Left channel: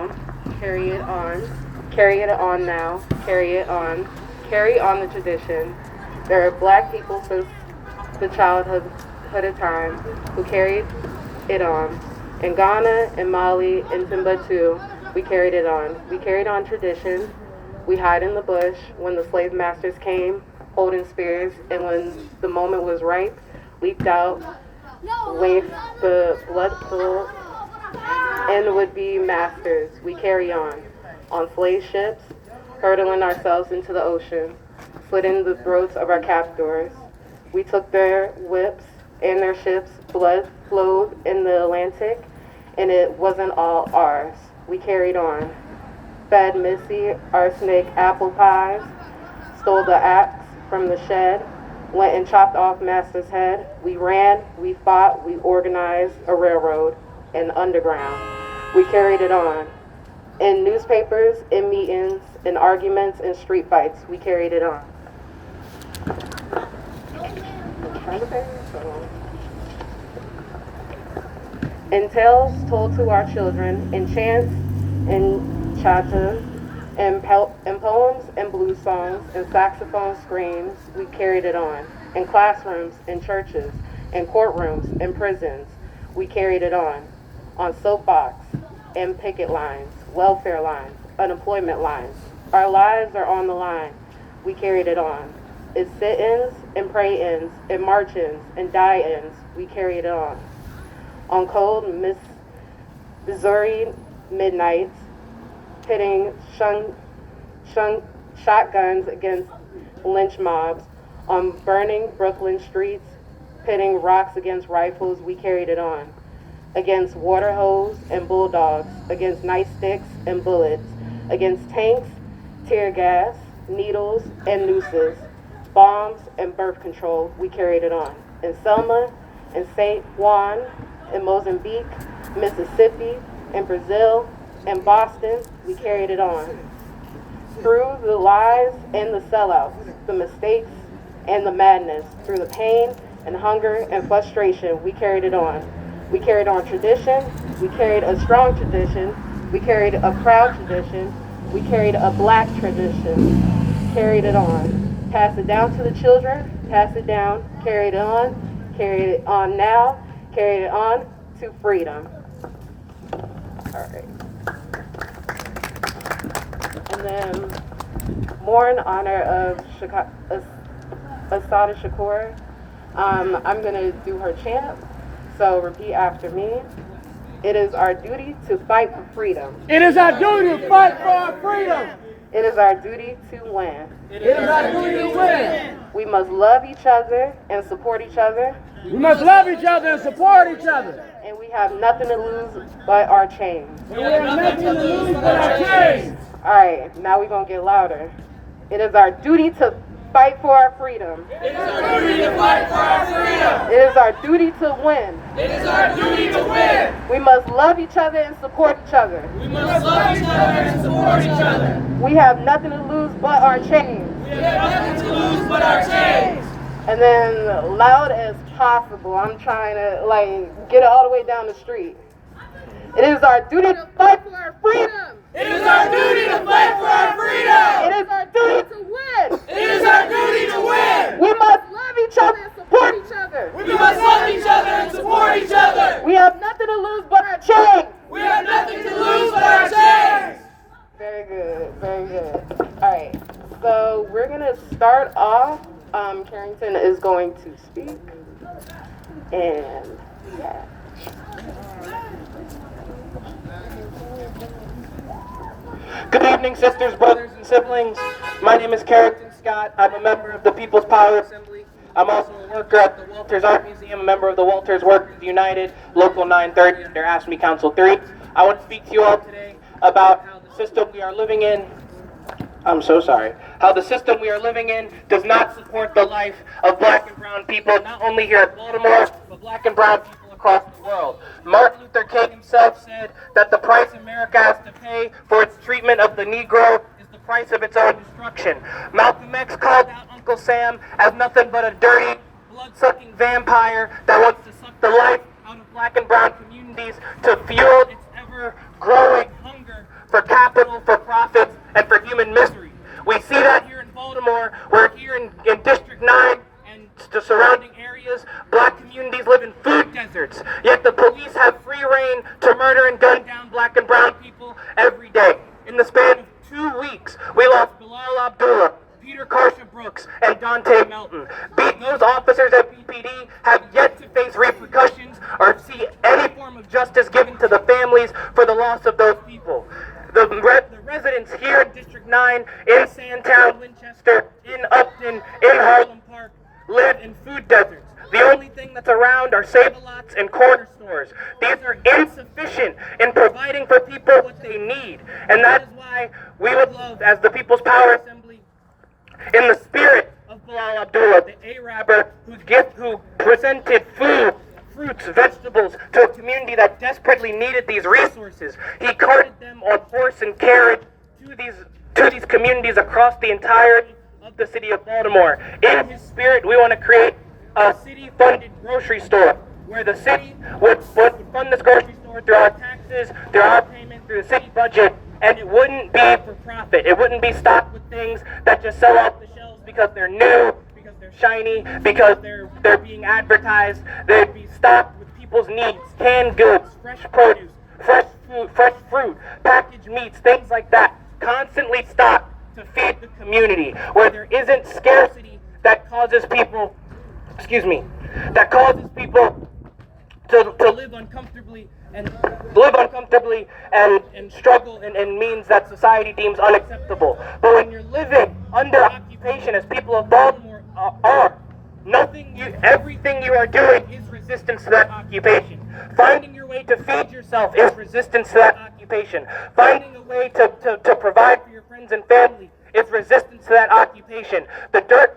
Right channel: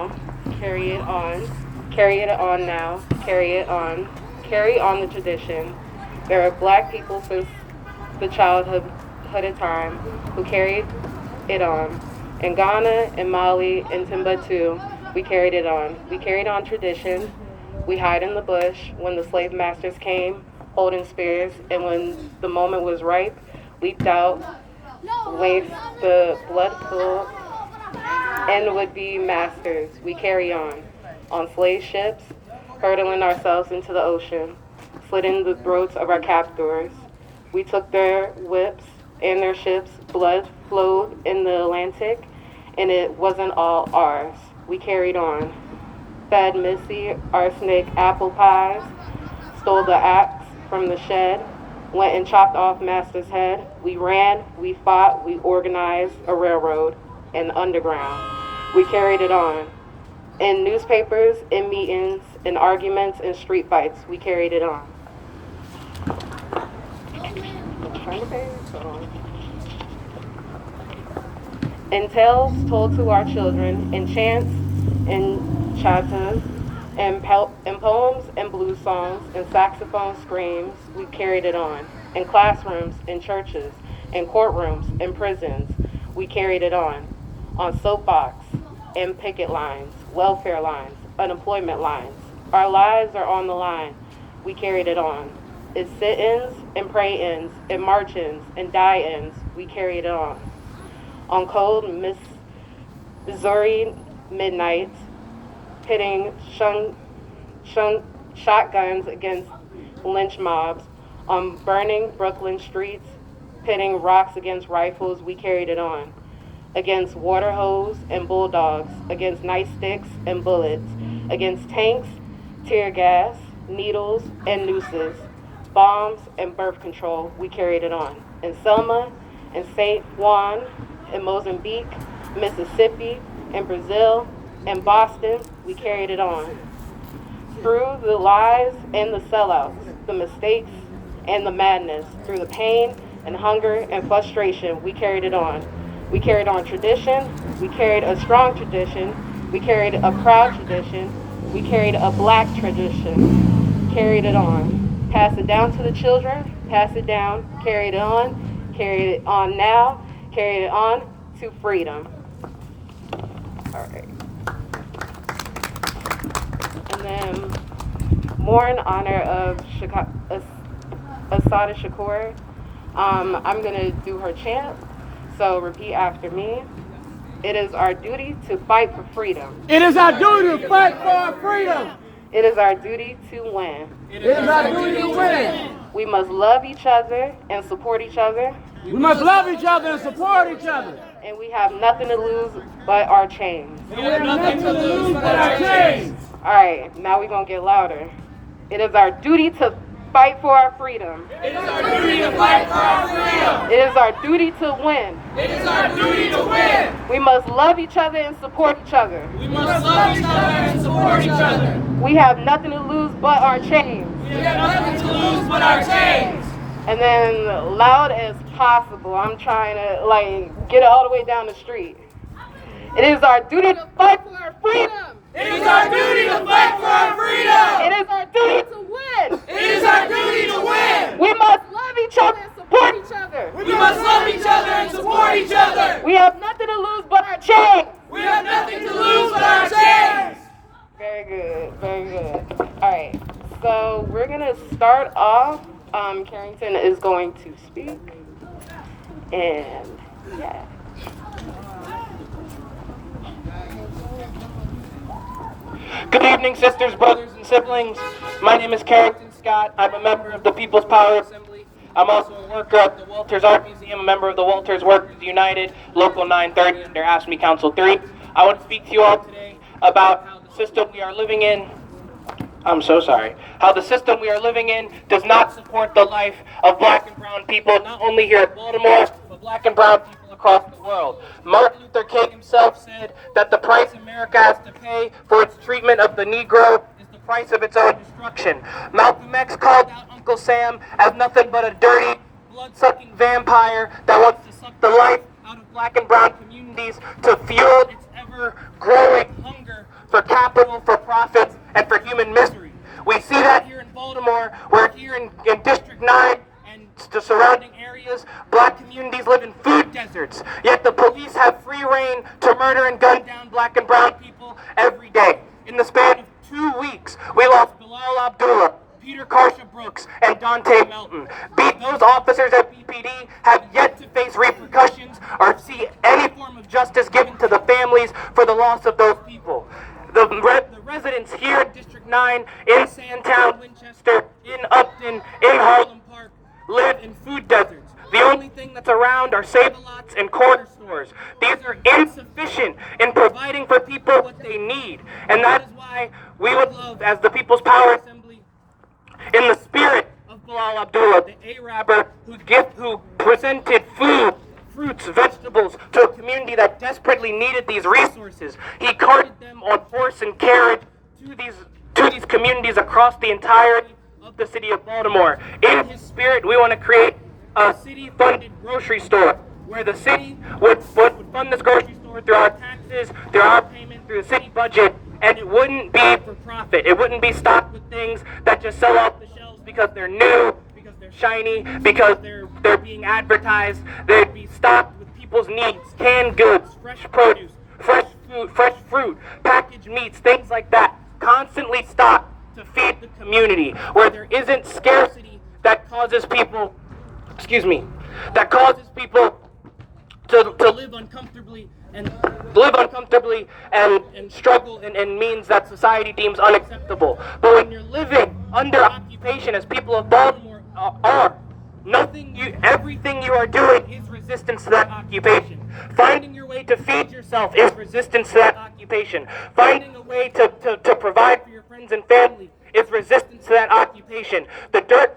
now, carry it on. Carry it on now, carry it on. Carry on the tradition. There are black people since the childhood of time who carried it on. In Ghana, in Mali, in Timbuktu, we carried it on. We carried on tradition. We hide in the bush when the slave masters came, holding spears, and when the moment was ripe, leaped out, waved the blood pool, and would be masters. We carry on slave ships, hurtling ourselves into the ocean, slitting the throats of our captors. We took their whips and their ships, blood flowed in the Atlantic, and it wasn't all ours. We carried on, fed Missy arsenic apple pies, stole the axe from the shed, went and chopped off Master's head. We ran, we fought, we organized a railroad and underground. We carried it on. In newspapers, in meetings, in arguments, in street fights, we carried it on. In tales told to our children, in chants, in chatas, in poems and blues songs, in saxophone screams, we carried it on. In classrooms, in churches, in courtrooms, in prisons, we carried it on soapbox, in picket lines, welfare lines, unemployment lines. Our lives are on the line. We carried it on. In sit-ins, in pray-ins, in march-ins, in die-ins, we carried it on. On cold Missouri midnights, pitting shotguns against lynch mobs, on burning Brooklyn streets, pitting rocks against rifles, we carried it on. Against water hose and bulldogs, against nightsticks and bullets, against tanks, tear gas, needles and nooses, bombs and birth control, we carried it on. In Selma, in St. Juan, in Mozambique, Mississippi, in Brazil, in Boston, we carried it on. Through the lies and the sellouts, the mistakes and the madness, through the pain and hunger and frustration, we carried it on. We carried on tradition, we carried a strong tradition, we carried a proud tradition, we carried a black tradition, carried it on. Pass it down to the children, pass it down, carried it on now, carried it on to freedom. All right. And then more in honor of Assata Shakur, I'm gonna do her chant. So repeat after me. It is our duty to fight for freedom. It is our duty to fight for our freedom. It is our duty to win. It is our duty to win. We must love each other and support each other. We must love each other and support each other. And we have nothing to lose but our chains. And we have nothing to lose but our chains. All right, now we're going to get louder. It is our duty to fight for our freedom. It is our duty to fight for our freedom. It is our duty to win. It is our duty to win. We must love each other and support each other. We must love each other and support each other. We have nothing to lose but our chains. We have nothing to lose but our chains. And then loud as possible. I'm trying to get it all the way down the street. It is our duty to fight for our freedom. It is our duty to fight for our freedom. It is our duty to win. It is our duty to win. We must love each other and support each other. We must love each other and support each other. We have nothing to lose but our chains. We have nothing to lose but our chains. Very good, very good. All right, so we're gonna start off. Carrington is going to speak, and yeah. Good evening, sisters, brothers, and siblings. My name is Carrington Scott. I'm a member of the People's Power Assembly. I'm also a worker at the Walters Art Museum, a member of the Walters Workers United, Local 930, under AFSCME Council 3. I want to speak to you all today about how the system we are living in, how the system we are living in does not support the life of black and brown people, not only here in Baltimore, but black and brown people across the world. Martin Luther King himself said that the price America has to pay for its treatment of the Negro is the price of its own destruction. Malcolm X called out Uncle Sam as nothing but a dirty, blood-sucking vampire that wants to suck the life out of black and brown communities to fuel its ever-growing hunger brown people every day. In the span of 2 weeks, we lost Bilal Abdullah, Peter Karsha Brooks, and Dante Melton. Those officers at BPD have yet to face repercussions or see any form of justice given to the families for the loss of those people. The residents here in District 9, in Sandtown, Winchester, in Upton, in Harlem Park, live in food deserts. The only thing that's around are Save-A-Lots and corner stores. These are insufficient in providing for people what they need. And that is why we would love, as the People's Power Assembly, in the spirit of Bilal Abdullah, the Arabber who presented food, fruits, vegetables to a community that desperately needed these resources. He carted them on horse and carriage to these communities across the entirety of the city of Baltimore. In his spirit, we want to create a city-funded grocery store where the city would fund this grocery store through our taxes, through our payment, through the city budget, and it wouldn't be for profit. It wouldn't be stocked with things that just sell off the shelves because they're new, because they're shiny, because they're being advertised. They'd be stocked with people's needs, canned goods, fresh produce, fresh food, fresh fruit, packaged meats, things like that, constantly stocked to feed the community, where there isn't scarcity that causes people to live uncomfortably and struggle and means that society deems unacceptable. But when you're living under occupation, as people of Baltimore are, everything you are doing is resistance to that occupation. Finding your way to feed yourself is resistance to that occupation. Finding a way to provide for your friends and family is resistance to that occupation. The dirt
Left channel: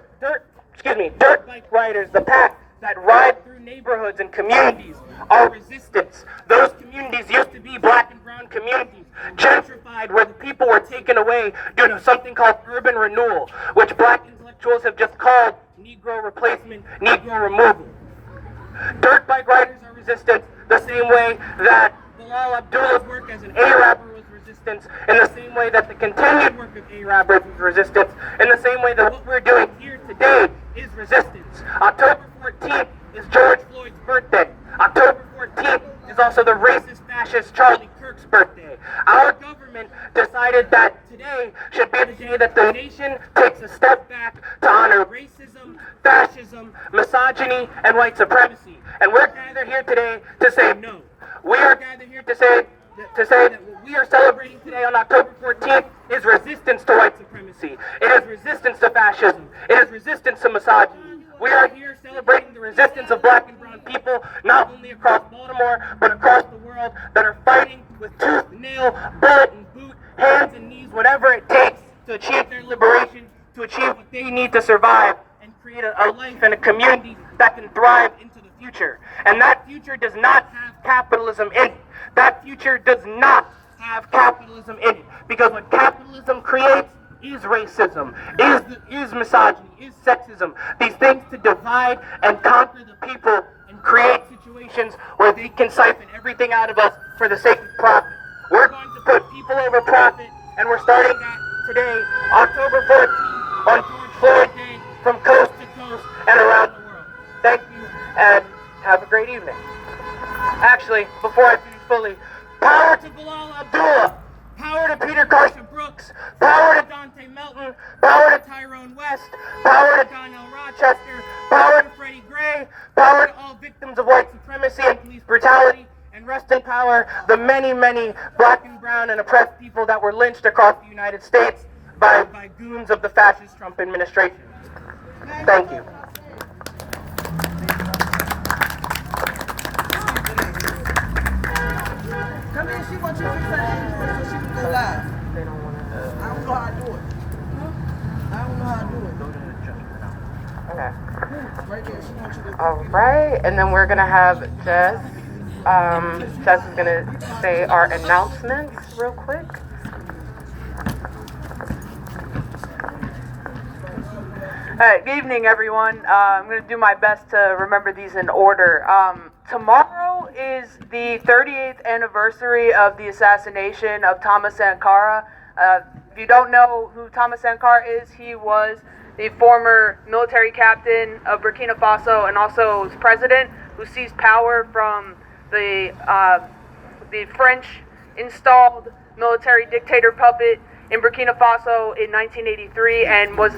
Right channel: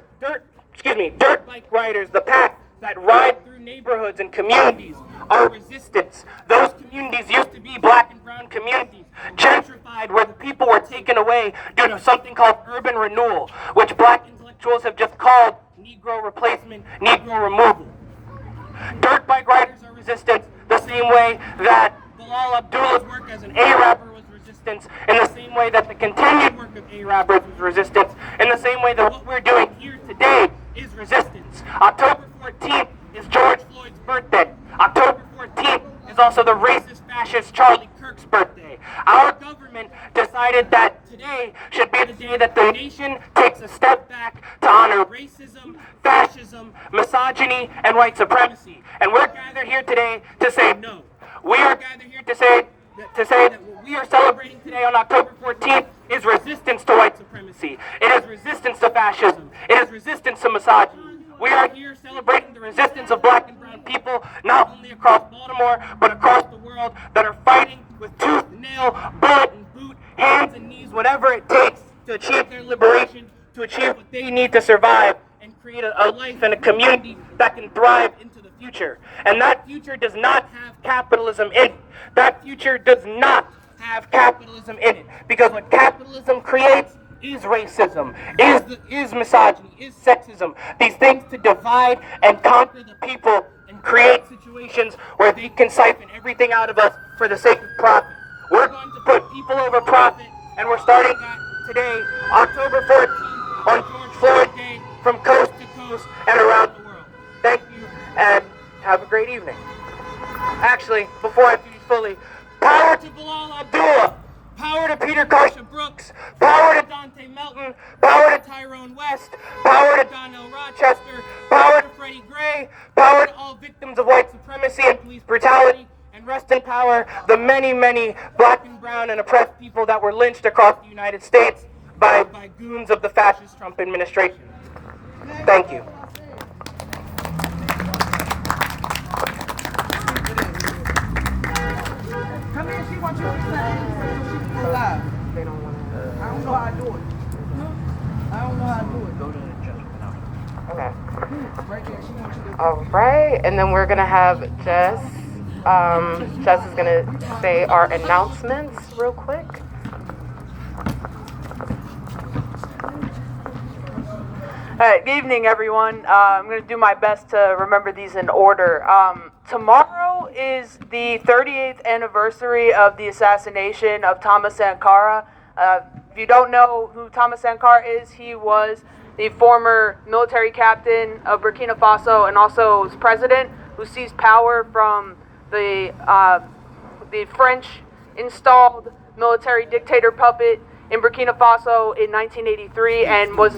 bike riders, the pack that ride through neighborhoods and communities are resistance. Those communities used to be black and brown communities, gentrified, where the people were taken away due to something called urban renewal, which black intellectuals have just called Negro replacement, Negro removal. Dirt bike riders are resistance the same way that Bilal Abdullah's work as an Arabber was resistance, in the same way that the continued work of Arabbers was resistance, in the same way that what we're doing here today is resistance. October 14th is George Floyd's birthday. October 14th is also the racist fascist Charlie Kirk's birthday. Our government decided that today should be the day that the nation takes a step back to honor racism, fascism, misogyny, and white supremacy. And we're gathered here today to say no. We are gathered here to say that what we are celebrating today on October 14th is resistance to white supremacy. It is resistance to fascism. It is resistance to misogyny. We are here celebrating the resistance of black and brown people, not only across Baltimore, but across the world, that are fighting with tooth, nail, bullet, and boot, hands and knees, whatever it takes to achieve their liberation, to achieve what they need to survive, and create a life and a community that can thrive into the future. And that future does not have capitalism in it. That future does not have capitalism in it. Because what capitalism creates is racism, is misogyny, is sexism. These things to divide and conquer the people and create situations where they can siphon everything out of us for the sake of profit. We're going to put people over profit, and we're starting that today, October 14th, on George Floyd Day, from coast to coast and around the world. Thank you, and have a great evening. Actually, before I finish fully, power to Bilal Abdullah! Power to Peter Karsha Brooks, power to Dante Melton, power to Tyrone West, power to Donnell Rochester, power to Freddie Gray, power to all victims of white supremacy and police brutality, and rest in power the many, many black and brown and oppressed people that were lynched across the United States by goons of the fascist Trump administration. Thank you. Come here, she wants you to fix her hands so she can go live. They don't want to. I don't know how to do it. I don't know how to do it. Go to the judgment now. Okay. Right there, she wants you to. All right, and then we're gonna have Jess. Jess is gonna say our announcements real quick. All right, good evening, everyone. I'm going to do my best to remember these in order. Tomorrow is the 38th anniversary of the assassination of Thomas Sankara. If you don't know who Thomas Sankara is, he was the former military captain of Burkina Faso and also was president who seized power from the French installed military dictator puppet in Burkina Faso in 1983 and was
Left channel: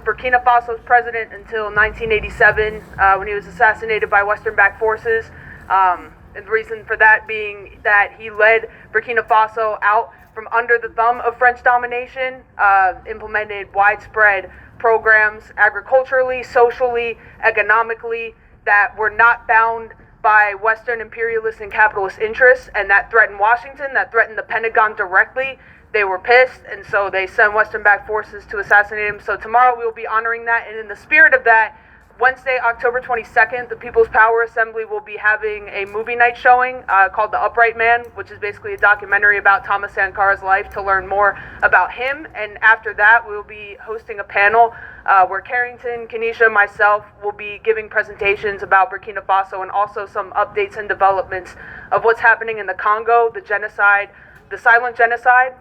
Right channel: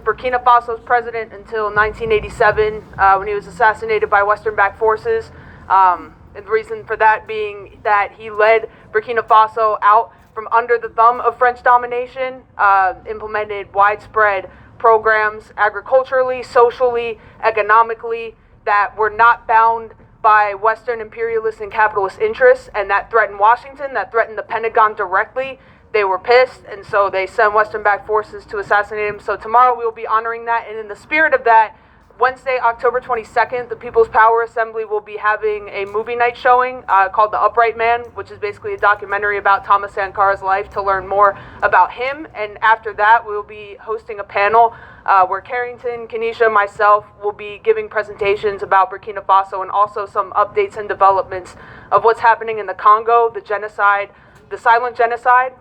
Burkina Faso's president until 1987 when he was assassinated by Western-backed forces. And the reason for that being that he led Burkina Faso out from under the thumb of French domination, implemented widespread programs agriculturally, socially, economically that were not bound by Western imperialist and capitalist interests, and that threatened Washington, that threatened the Pentagon directly. They were pissed, and so they sent Western-backed forces to assassinate him. So tomorrow we will be honoring that, and in the spirit of that, Wednesday, October 22nd, the People's Power Assembly will be having a movie night showing called The Upright Man, which is basically a documentary about Thomas Sankara's life to learn more about him. And after that, we will be hosting a panel where Carrington, Kenesha, myself will be giving presentations about Burkina Faso and also some updates and developments of what's happening in the Congo, the genocide, the silent genocide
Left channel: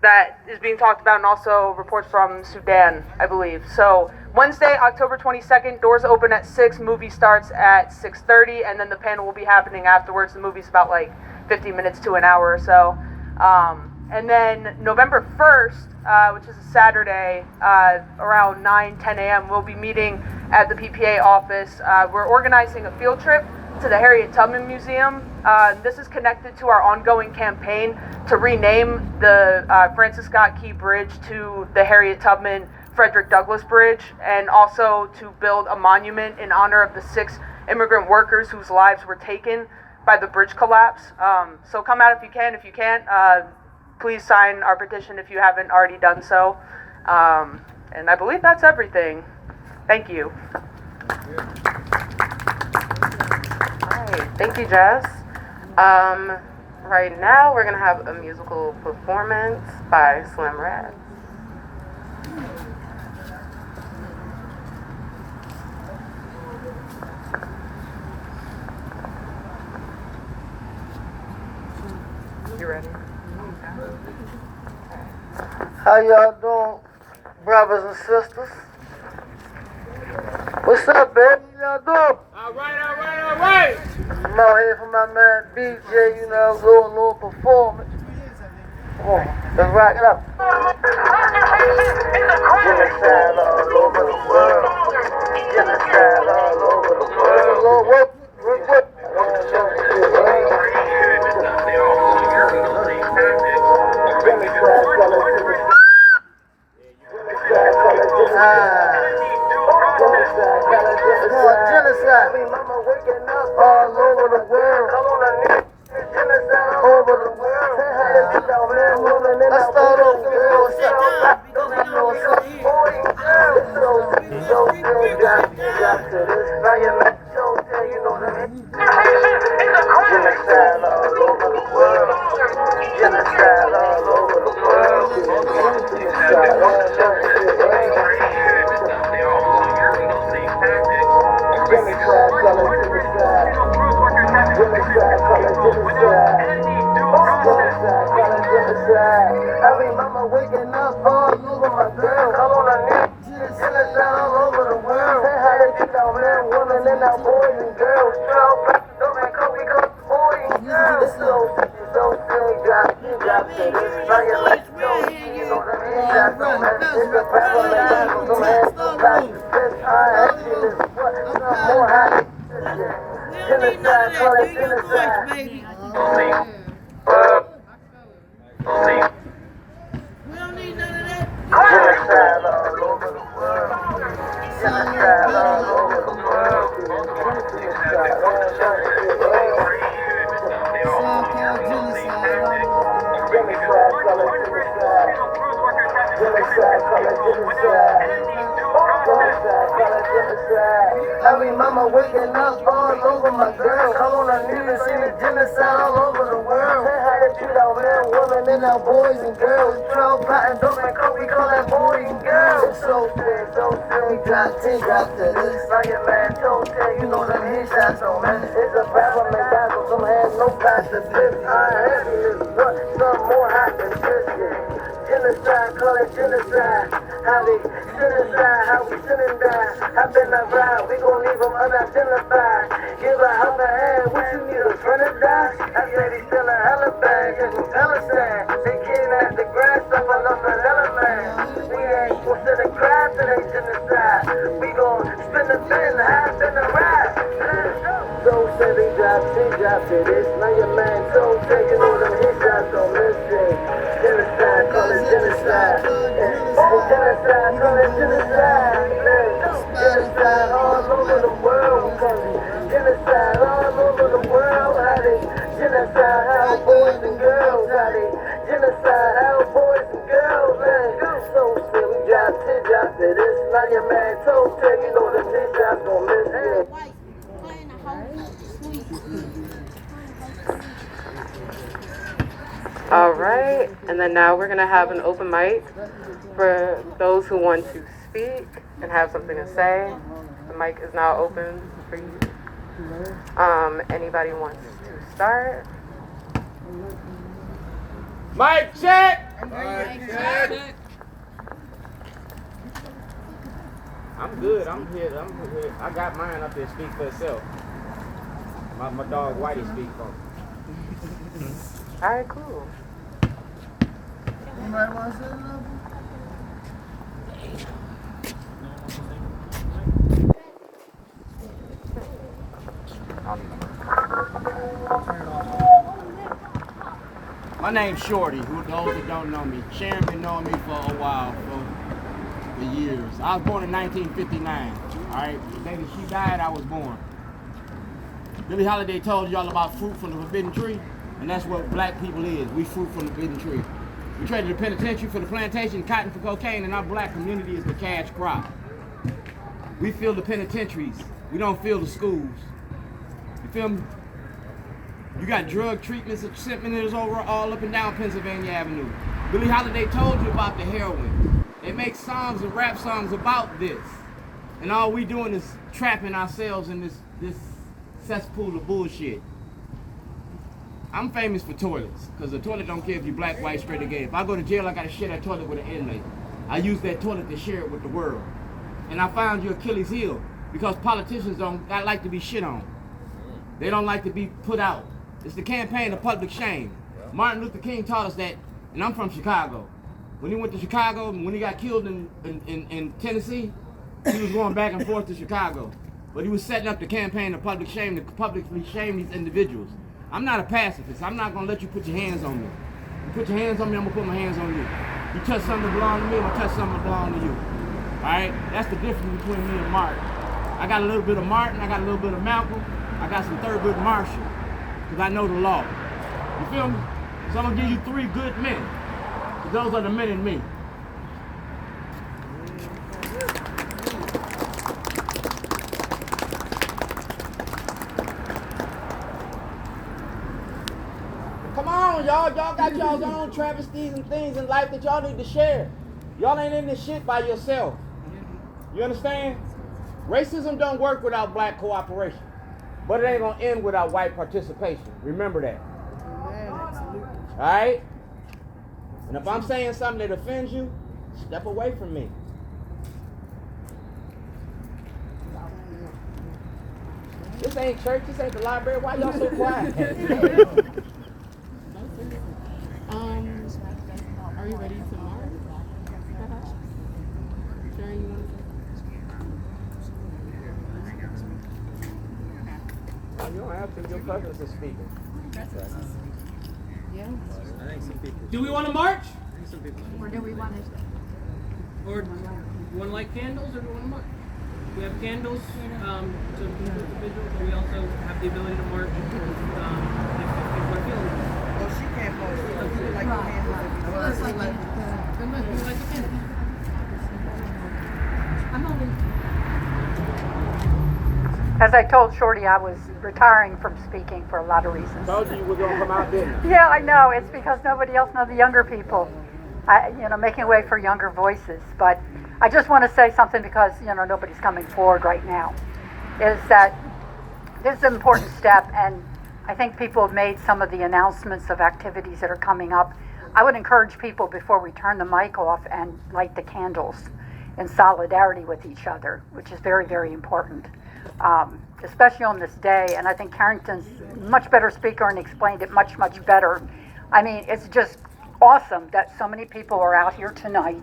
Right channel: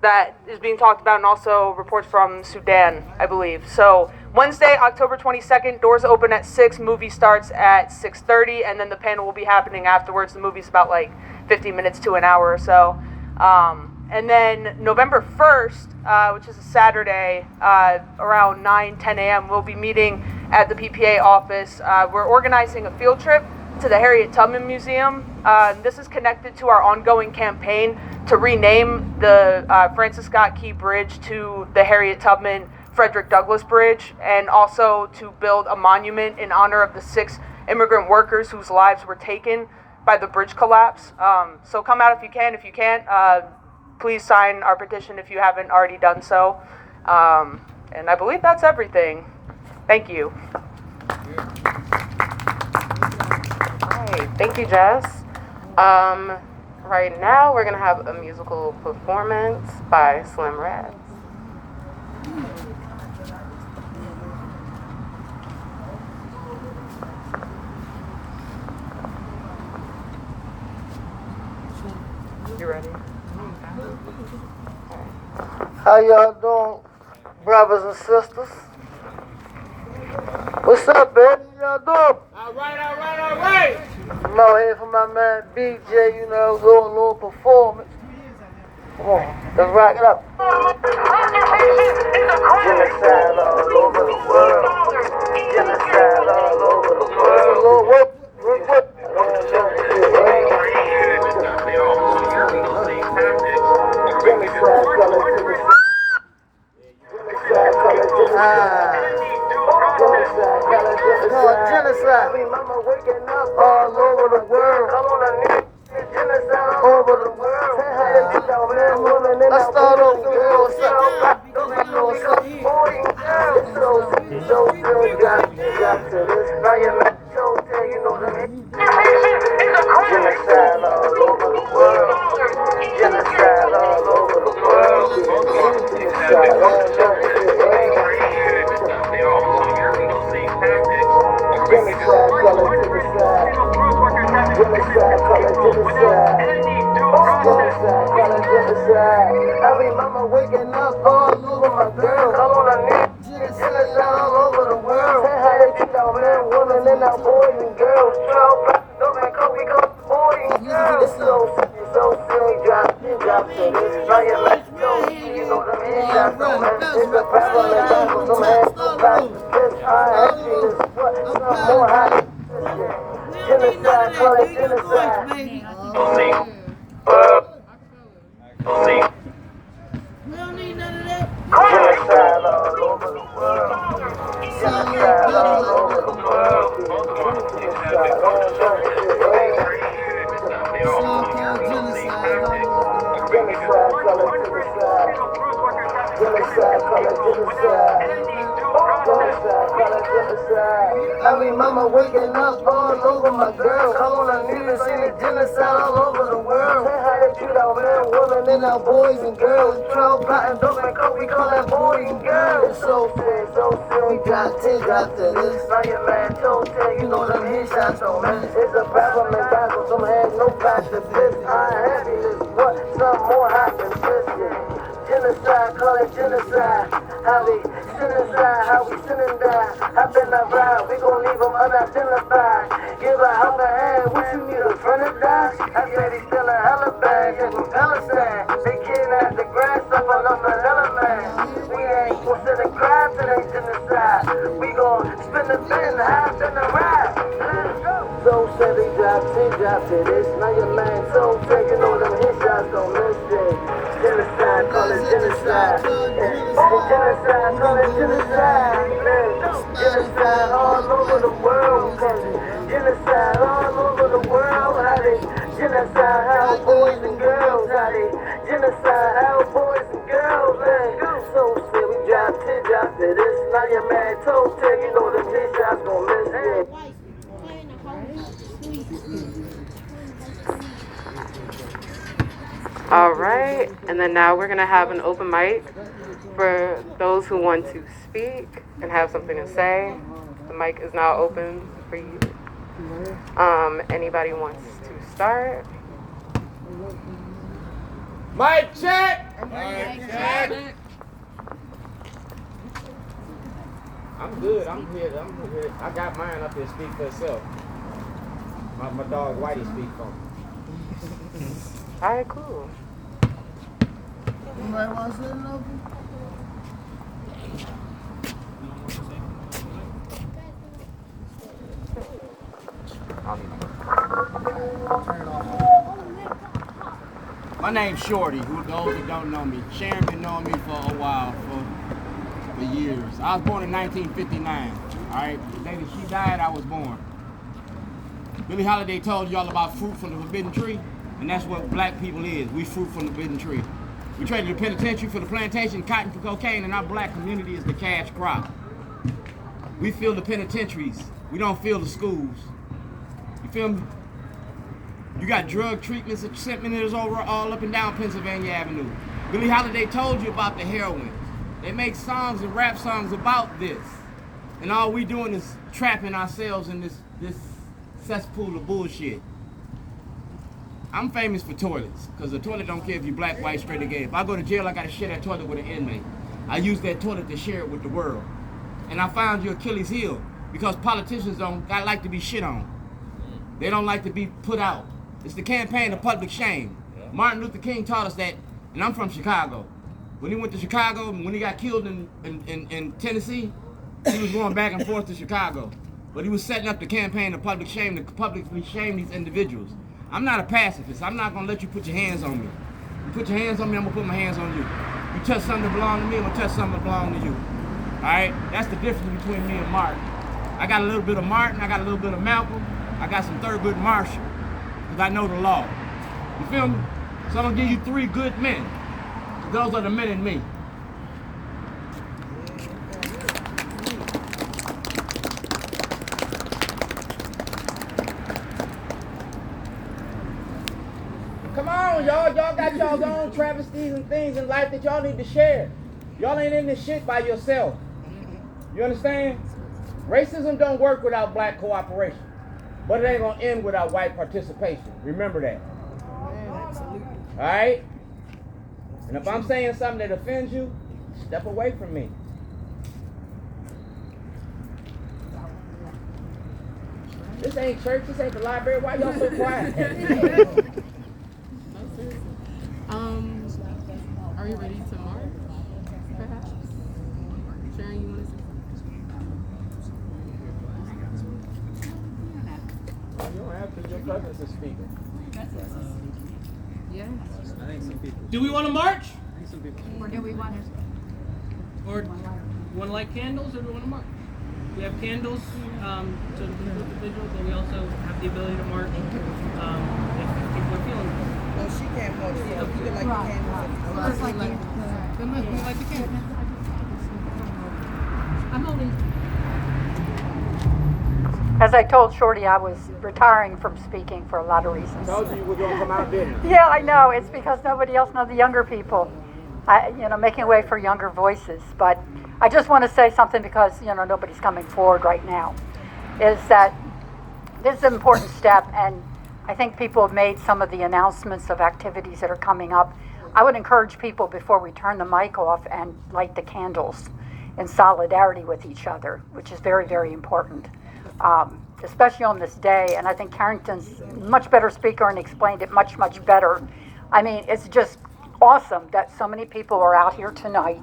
that is being talked about, and also reports from Sudan, I believe. So Wednesday, October 22nd, doors open at 6, movie starts at 6:30, and then the panel will be happening afterwards. The movie's about like 50 minutes to an hour or so. And then November 1st, which is a Saturday, around 9-10 a.m., we'll be meeting at the PPA office. We're organizing a field trip to the Harriet Tubman Museum. This is connected to our ongoing campaign to rename the Francis Scott Key Bridge to the Harriet Tubman Frederick Douglass Bridge, and also to build a monument in honor of the 6 immigrant workers whose lives were taken by the bridge collapse. So come out if you can. If you can't, please sign our petition if you haven't already done so. And I believe that's everything. Thank you. Thank you, Jess. Right now, we're going to have a musical performance by Slim Rats. You ready? How y'all doing, brothers and sisters? What's up, baby? Y'all doing? All right. I'm out here for my man BJ, you know, doing a little performance. Come on, let's rock it up. Genocide all over the world. Genocide all over the world. Lord, work. Genocide. Mama waking up all over the world. Come on, genocide all over the world. Let's start over. Genocide all over the world. Genocide all over the world. Genocide all over the world. Every mama waking up all over my girl. Come on, genocide all over the world. Say how they treat our men, women, and our boys and girls. Don't make up, we got boys and girls. So silly, drop to this. Now you let go, you know what I mean? That's no man. It's a battle, and battles, some hands go back to this. I action is what? Some more high. Genocide, call it genocide. Genocide all over the world. Genocide all over the world. Genocide all over the world. Genocide, call it genocide. Genocide, call it genocide. Genocide, call it genocide. Every mama waking up all over my girl. Come on, I need to see the genocide all over the world. Say how they treat our men, women, and our boys and girls. 12 patents, don't make up, we call that boys and girls. It's so serious, we got to this. Now your man told you know them headshots on man. It's a battle, man, battle, some hands, no pass to this. I ain't happy as what, some more happens this year. Genocide, call it genocide. How they genocide, how we sin and die. I've been a ride, we gon' leave them unidentified. Give a help a hand, what you need, a friend to die? I said he still a hella bag, that's from Palestine. They kidnapped the grandson of the hella man. We ain't gon' sit and cry till they genocide. We gon' spin the bin, half in the ride. So said they dropped it, it's now your man. So taking all them hit shots, don't miss it. Genocide, call it genocide. Genocide, call it genocide. Genocide all over the world. Genocide all over the world. How they genocide our boys and girls. How they genocide our boys and girls. So said we dropped it, it's now your man. So taking all them hit shots, don't miss it. All right, and then now we're gonna have an open mic for those who want to speak and have something to say. The mic is now open for you. Anybody wants to start? Mic check. Mic check. I'm good. I'm here. I got mine up here. Speak for itself. My dog Whitey speak for me. All right, cool. Anybody want to say something? My name's Shorty. Who those that don't know me, Sharon been knowing me for a while, for years. I was born in 1959. All right, the day that she died, I was born. Billie Holiday told y'all about fruit from the forbidden tree, and that's what black people is. We fruit from the forbidden tree. We traded the penitentiary for the plantation, cotton for cocaine, and our black community is the cash crop. We fill the penitentiaries. We don't fill the schools. You feel me? You got drug treatments and centers all up and down Pennsylvania Avenue. Billie Holiday told you about the heroin. They make songs and rap songs about this. And all we doing is trapping ourselves in this cesspool of bullshit. I'm famous for toilets, because the toilet don't care if you black, white, straight, or gay. If I go to jail, I gotta share that toilet with an inmate. I use that toilet to share it with the world. And I found your Achilles heel, because politicians don't like to be shit on. They don't like to be put out. It's the campaign of public shame. Martin Luther King taught us that, and I'm from Chicago. When he went to Chicago, when he got killed in Tennessee, he was going back and forth to Chicago. But he was setting up the campaign of public shame to publicly shame these individuals. I'm not a pacifist. I'm not gonna let you put your hands on me. You put your hands on me, I'm gonna put my hands on you. You touch something that belongs to me, I'm gonna touch something that belongs to you. All right? That's the difference between me and Martin. I got a little bit of Martin, I got a little bit of Malcolm, I got some Thurgood Marshall, because I know the law. You feel me? So I'm gonna give you 3 good men. So those are the men in me. Come on, y'all. Y'all got y'all's own travesties and things in life that y'all need to share. Y'all ain't in this shit by yourself. You understand? Racism don't work without black cooperation. But it ain't gonna end without white participation. Remember that. Alright? And if I'm saying something that offends you, step away from me. This ain't church, this ain't the library. Why y'all so quiet? Are you ready to mark? Perhaps? Sharon, you want to say? You don't have to. Your presence is speaking. Yeah. Do we want to march? Or do we want to? Or do you want to light candles, or do we want to march? We have candles to do the vigil, but we also have the ability to march if we're feeling it. Oh, she can't go. We would like to handle it. I'm only. As I told Shorty, I was retiring from speaking for a lot of reasons. Told you we're gonna come out, didn't I? Yeah, I know. It's because nobody else knows the younger people. Making way for younger voices. But I just want to say something because, nobody's coming forward right now. Is that this is an important step, and I think people have made some of the announcements of activities that are coming up. I would encourage people before we turn the mic off and light the candles. in solidarity with each other, which is very, very important, especially on this day. And I think Carrington's a much better speaker and explained it much, much better. I mean, it's just awesome that so many people are out here tonight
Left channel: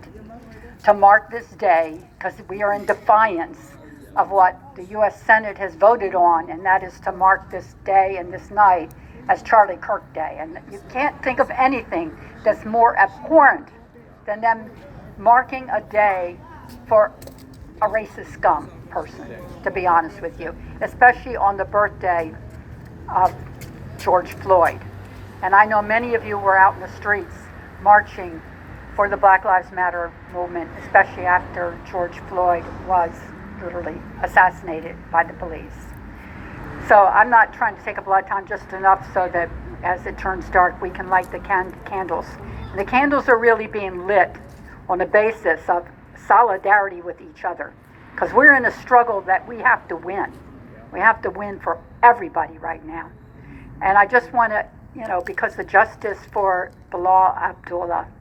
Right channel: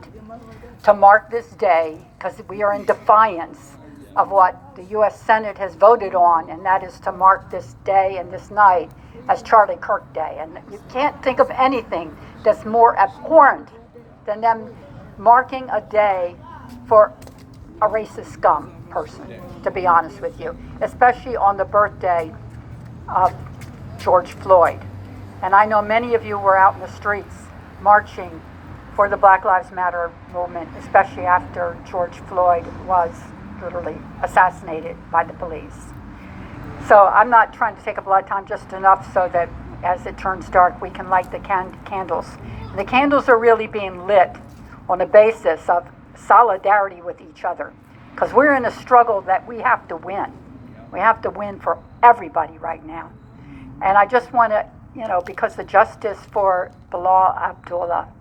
to mark this day, because we are in defiance of what the U.S. Senate has voted on, and that is to mark this day and this night as Charlie Kirk Day. And you can't think of anything that's more abhorrent than them marking a day for a racist scum person, to be honest with you, especially on the birthday of George Floyd. And I know many of you were out in the streets marching for the Black Lives Matter movement, especially after George Floyd was literally assassinated by the police. So I'm not trying to take up a lot of time, just enough so that as it turns dark, we can light the candles. And the candles are really being lit on the basis of solidarity with each other, because we're in a struggle that we have to win. We have to win for everybody right now. And I just want to, because the justice for Bilal Abdullah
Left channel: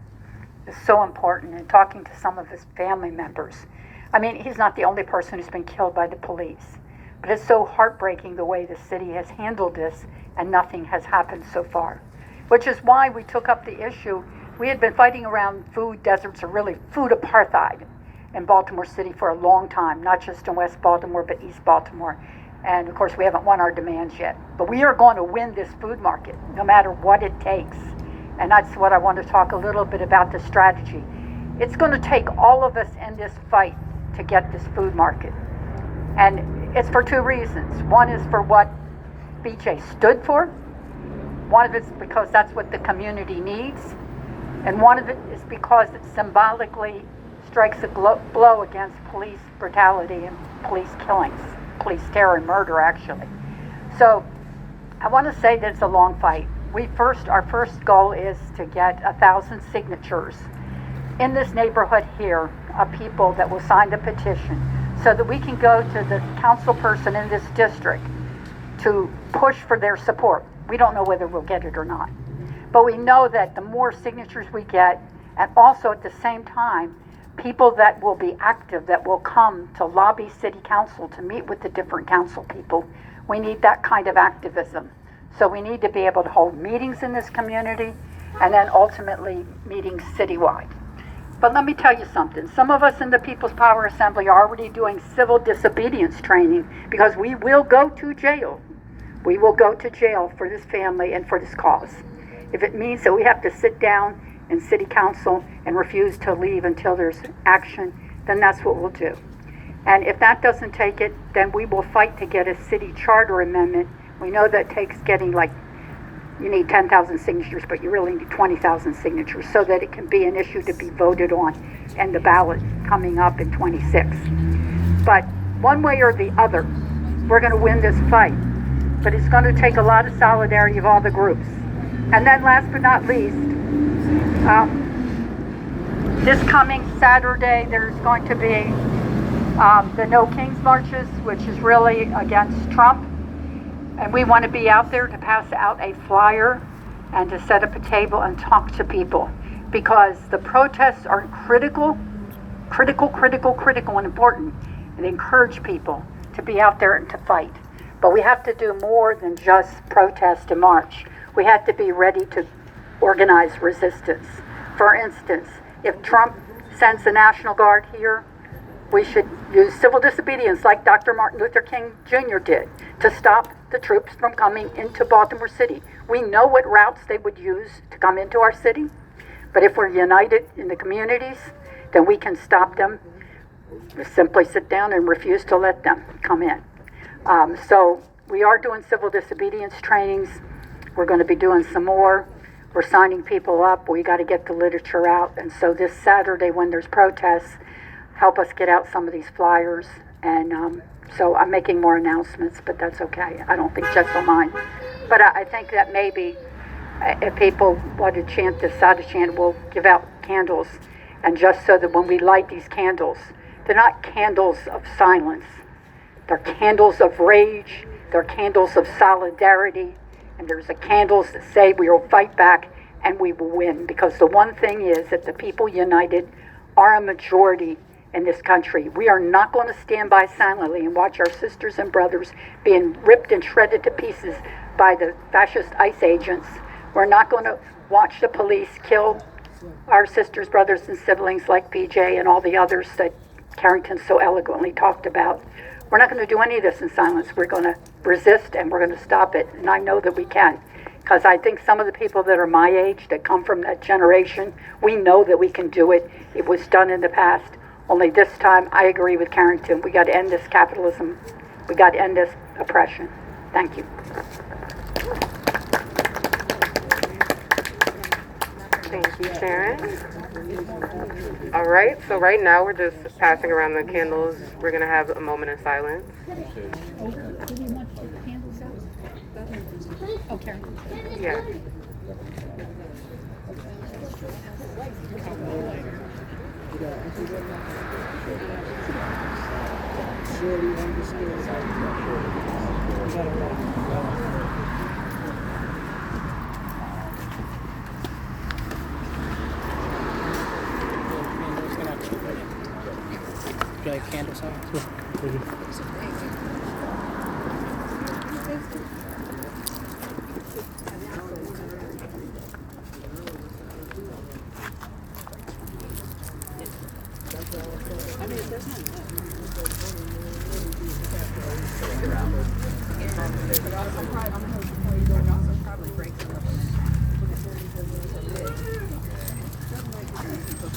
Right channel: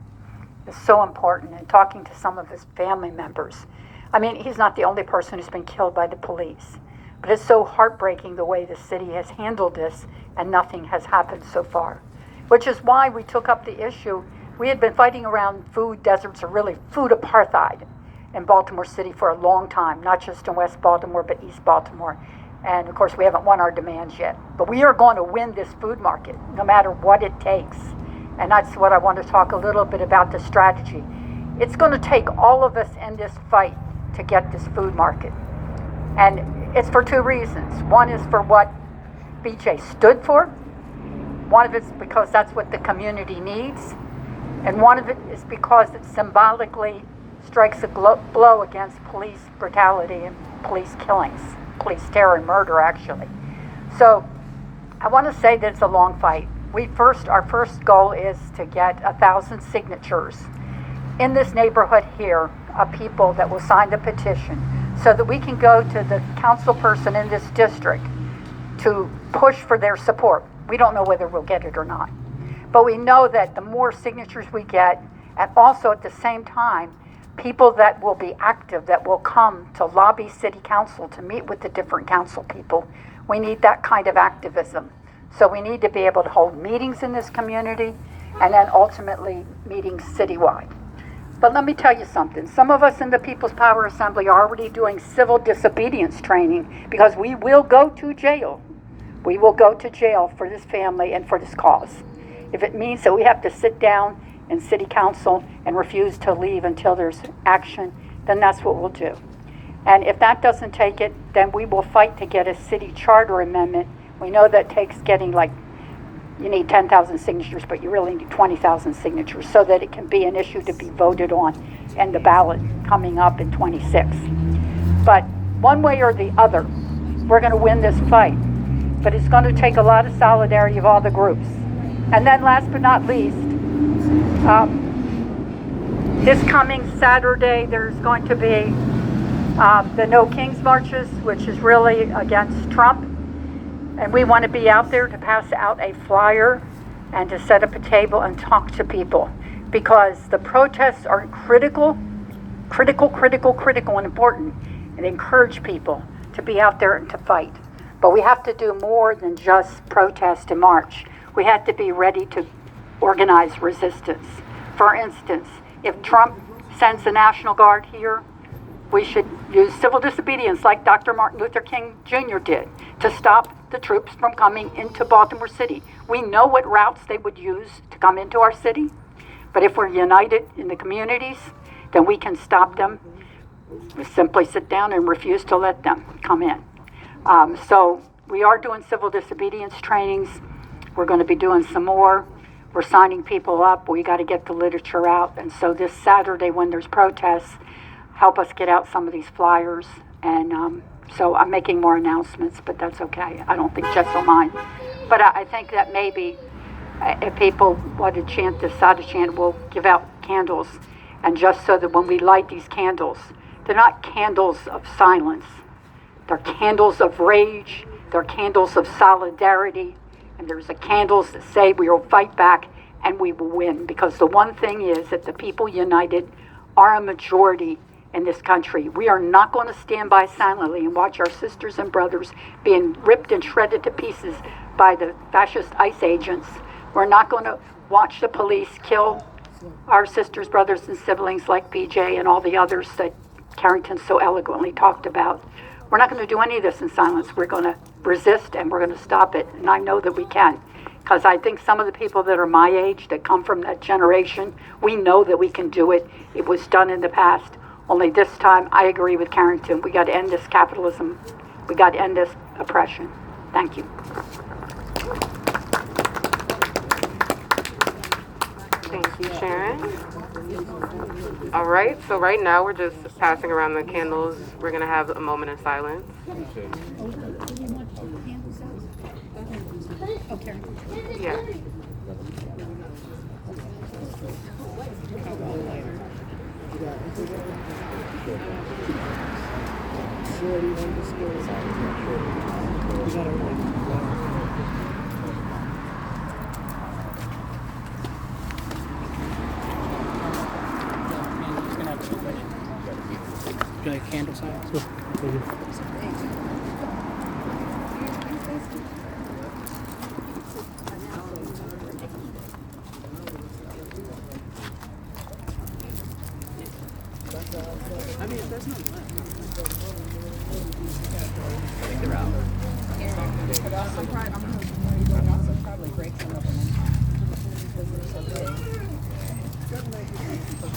is so important, and talking to some of his family members. I mean, he's not the only person who's been killed by the police, but it's so heartbreaking the way the city has handled this, and nothing has happened so far, which is why we took up the issue. We had been fighting around food deserts, or really food apartheid, in Baltimore City for a long time, not just in West Baltimore, but East Baltimore. And of course, we haven't won our demands yet. But we are going to win this food market, no matter what it takes. And that's what I want to talk a little bit about, the strategy. It's going to take all of us in this fight to get this food market. And it's for two reasons. One is for what BJ stood for. One of it's because that's what the community needs. And one of it is because it symbolically strikes a blow against police brutality and police killings, police terror and murder, actually. So I want to say that it's a long fight. Our first goal is to get 1,000 signatures in this neighborhood here of people that will sign the petition, so that we can go to the council person in this district to push for their support. We don't know whether we'll get it or not, but we know that the more signatures we get, and also at the same time, people that will be active, that will come to lobby city council to meet with the different council people, we need that kind of activism. So we need to be able to hold meetings in this community, and then ultimately meetings citywide. But let me tell you something. Some of us in the People's Power Assembly are already doing civil disobedience training, because we will go to jail. We will go to jail for this family and for this cause. If it means that we have to sit down in city council and refuse to leave until there's action, then that's what we'll do. And if that doesn't take it, then we will fight to get a city charter amendment. We know that takes getting, like, you need 10,000 signatures, but you really need 20,000 signatures, so that it can be an issue to be voted on and the ballot coming up in 26. But one way or the other, we're going to win this fight. But it's going to take a lot of solidarity of all the groups. And then last but not least, this coming Saturday, there's going to be the No Kings marches, which is really against Trump. And we want to be out there to pass out a flyer and to set up a table and talk to people, because the protests are critical and important, and encourage people to be out there and to fight. But we have to do more than just protest and march. We have to be ready to organize resistance. For instance, if Trump sends the National Guard here, we should use civil disobedience like Dr. Martin Luther King Jr. did to stop the troops from coming into Baltimore City. We know what routes they would use to come into our city, but if we're united in the communities, then we can stop them. We simply sit down and refuse to let them come in. So we are doing civil disobedience trainings. We're going to be doing some more. We're signing people up. We got to get the literature out. And so this Saturday, when there's protests, help us get out some of these flyers. And so I'm making more announcements, but that's okay. I don't think Jess will mind. But I think that maybe if people want to chant this Sada chant, we'll give out candles. And just so that when we light these candles, they're not candles of silence. They're candles of rage. They're candles of solidarity. And there's the candles that say we will fight back and we will win. Because the one thing is that the people united are a majority in this country. We are not going to stand by silently and watch our sisters and brothers being ripped and shredded to pieces by the fascist ICE agents. We're not going to watch the police kill our sisters, brothers, and siblings like PJ and all the others that Carrington so eloquently talked about. We're not going to do any of this in silence. We're going to resist and we're going to stop it. And I know that we can. Because I think some of the people that are my age, that come from that generation, we know that we can do it. It was done in the past. Only this time, I agree with Carrington. We got to end this capitalism. We got to end this oppression. Thank you. Thank you, Sharon. All right, so right now we're just passing around the candles. We're going to have a moment of silence. Yeah. Can I have candle signs?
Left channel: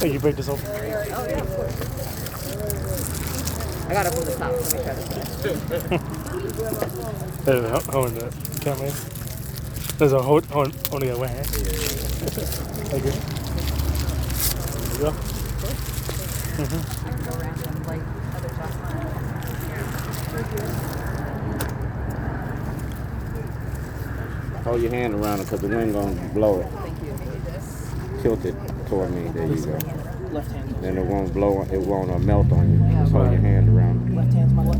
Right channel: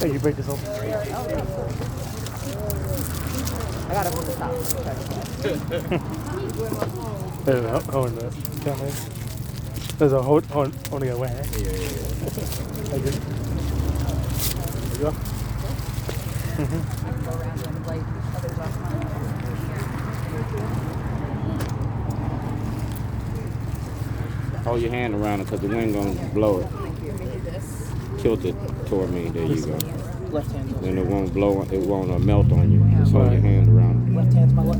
Oh, you break this open? I got it from the top. There's a hole in the camera. There's a hole only a way. Okay. There you go. Hold your hand around it because the wind gonna blow it. Tilt it toward me. There you go. Left hand. Then it won't blow. It won't melt on you. Just hold your hand around it. Left hand's my left.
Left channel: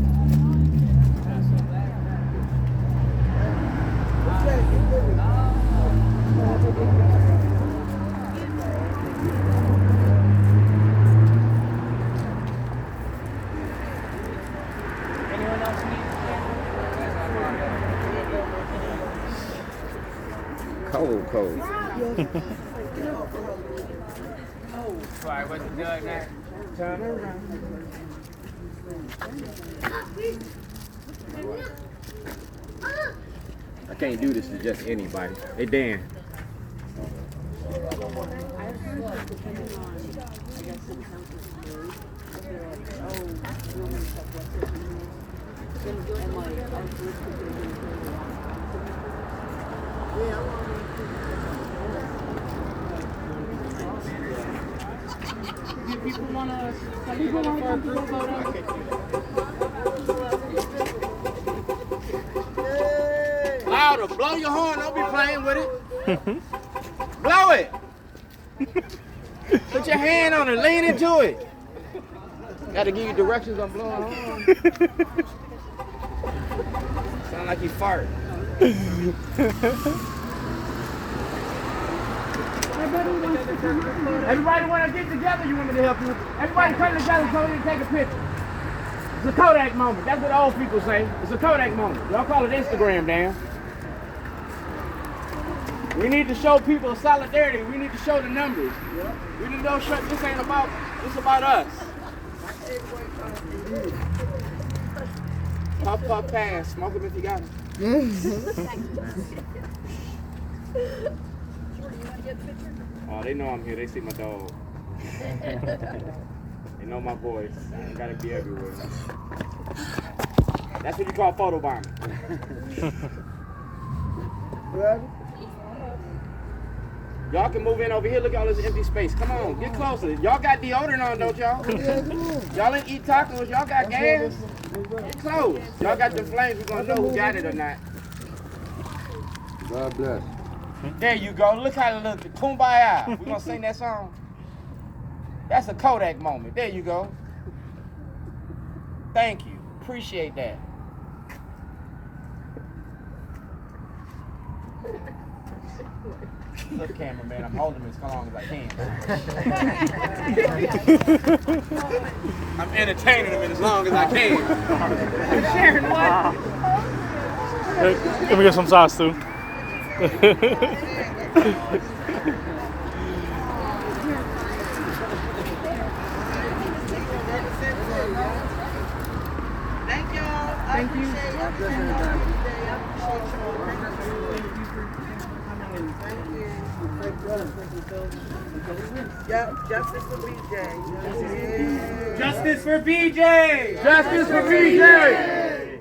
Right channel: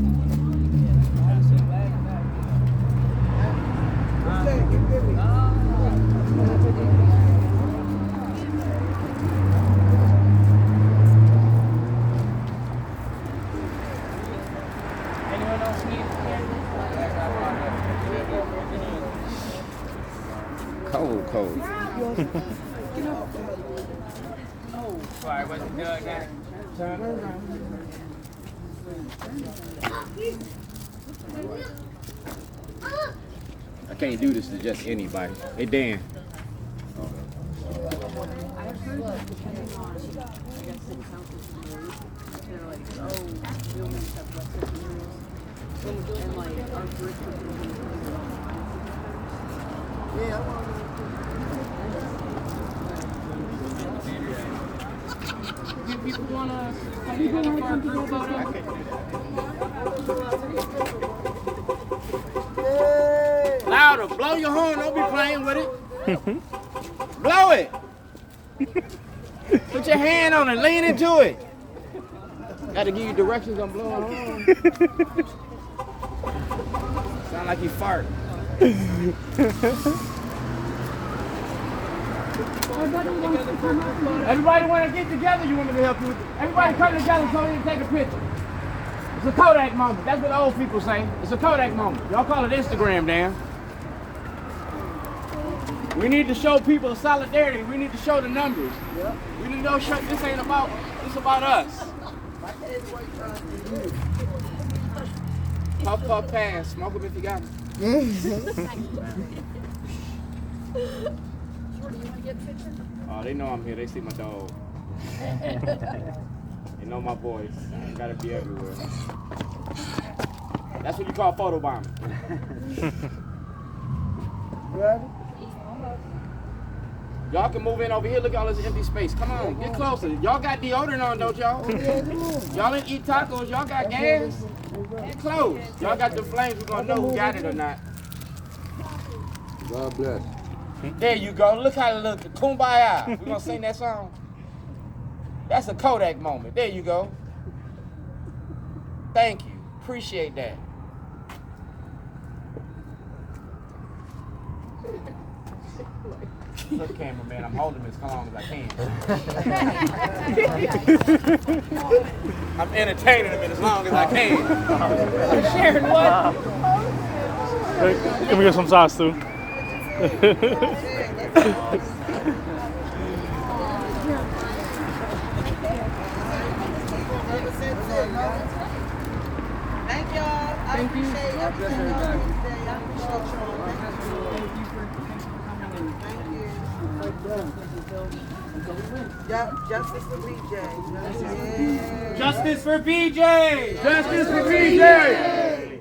Anyone else need? Cold. I can't do this to just anybody. Hey, Dan. People wanna for a group photo? Louder. Blow your horn. Don't be playing with it. Blow it. Put your hand on it. Lean into it. Got to give you directions on blowing horn. Sound like you fart. Everybody want to get together, you want me to help you with it. Everybody come together so we can take a picture. It's a Kodak moment. That's what the old people say. It's a Kodak moment. Y'all call it Instagram, Dan. We need to show people solidarity. We need to show the numbers. Yep. We need to know this ain't about, it's about us. Puff fast. Smoke them if you got them. Oh, they know I'm here. They see my dog. They know my voice. I gotta be everywhere. That's what you call photobombing. Y'all can move in over here. Look at all this empty space. Come on, get closer. Y'all got deodorant on, don't y'all? Y'all didn't eat tacos. Y'all got gas. Get close. Y'all got the flames. We're gonna know who got it or not. God bless. There you go. Look how it looks. Kumbaya. We're gonna sing that song. That's a Kodak moment. There you go. Thank you. Appreciate that. Look, cameraman, I'm holding this as long as I can. I'm entertaining him as long as I can. Sharon, what? Can we get some sauce too? Thank y'all. Thank you. Justice for BJ. Justice for BJ! Justice for BJ!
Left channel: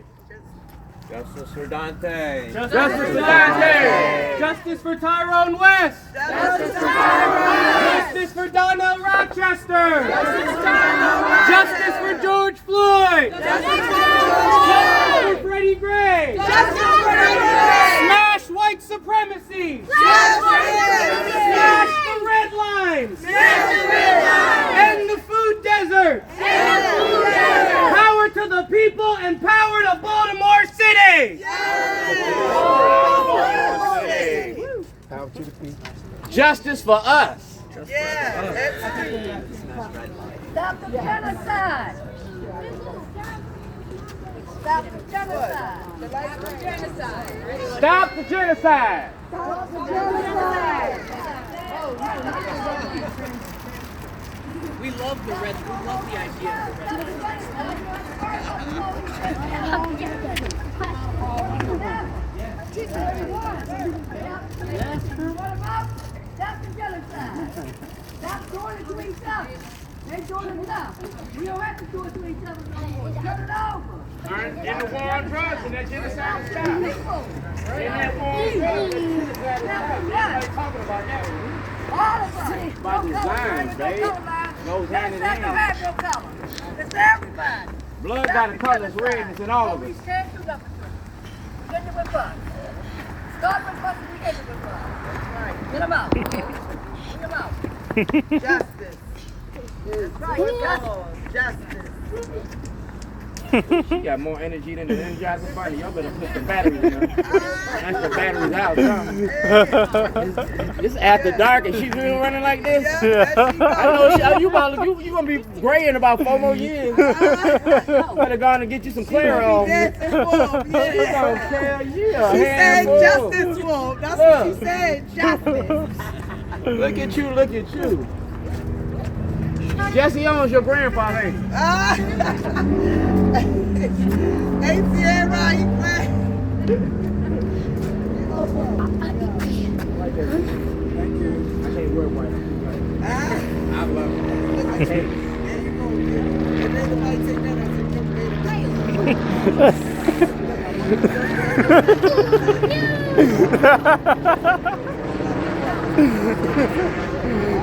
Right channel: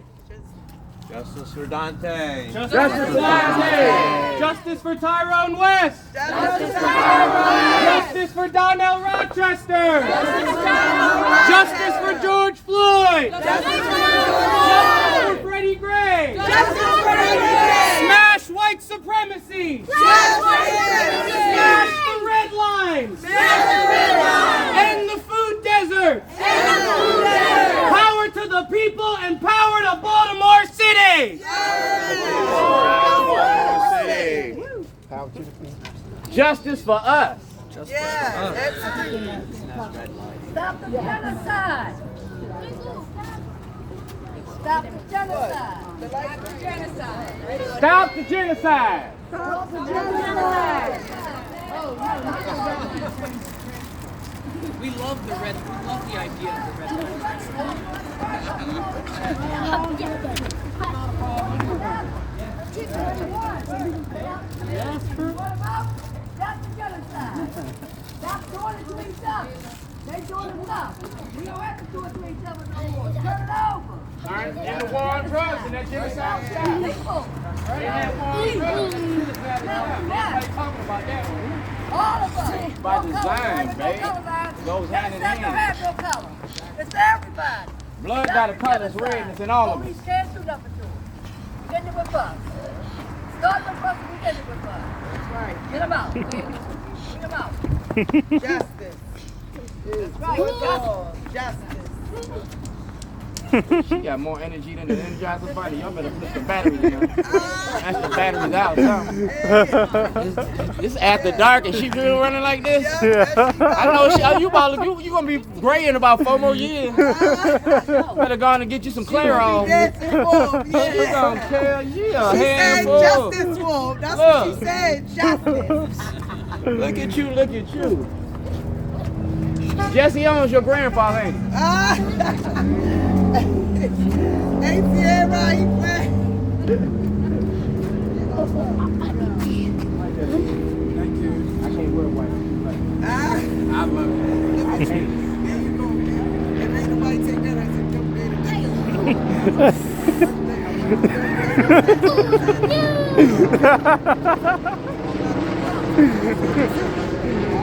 Justice for Dante! Justice for Dante! Justice for Tyrone West! Justice for Tyrone! Justice for Donnell Rochester! Justice for George Floyd! Justice for Freddie Gray! Smash white supremacy! Smash the red lines! End the food desert! Power to the people and power to Baltimore City! Justice for us! Stop the genocide! Stop the genocide! Stop the genocide! Stop the genocide! We love the red. We love the idea of the red. Stop the genocide! Stop doing it to each other! They're doing enough! We don't have to do it to each other no more! Turn it over! And the war on drugs and that genocide stop. People! Right. All of us! By design, babe. Goes hand in hand. It's everybody! Blood got a color, it's red, it's in all of us. Police can't do nothing to it. We get it with us. Start the bus, we get it with us. Get them out. Get them out. Justice. That's right. Justice. She got more energy than the Energizer Bunny. Y'all better put the batteries in. That's the batteries out. This after dark and she really running like this. Yeah. I know you gonna be gray in about 4 more years. Better go on and get you some Claire on. She said justice wolf. That's what she said. Justice. Look at you, look at you. Jesse owns your grandfather, ain't he? Ain't see it right, man. I can't wear white. I love it. I can't. And then the light take that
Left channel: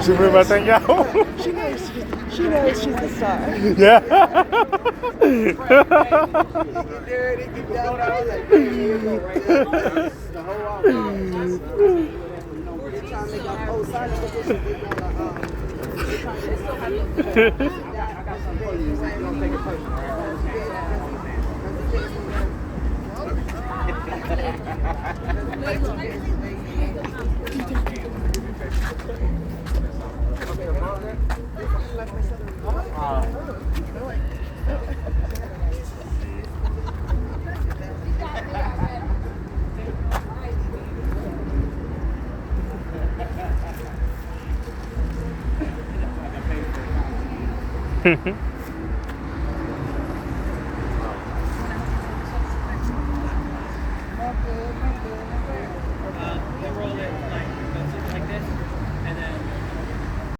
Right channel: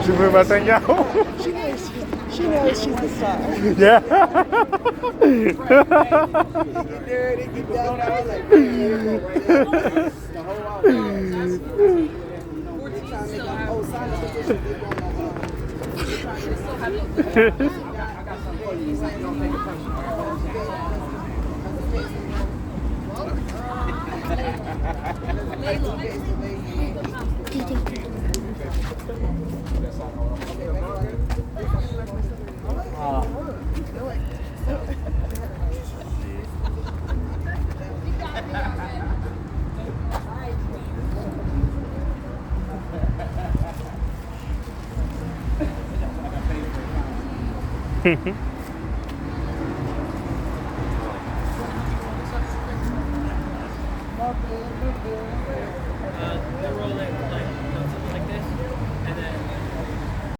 She put my thing out. She knows she's a star. Yeah.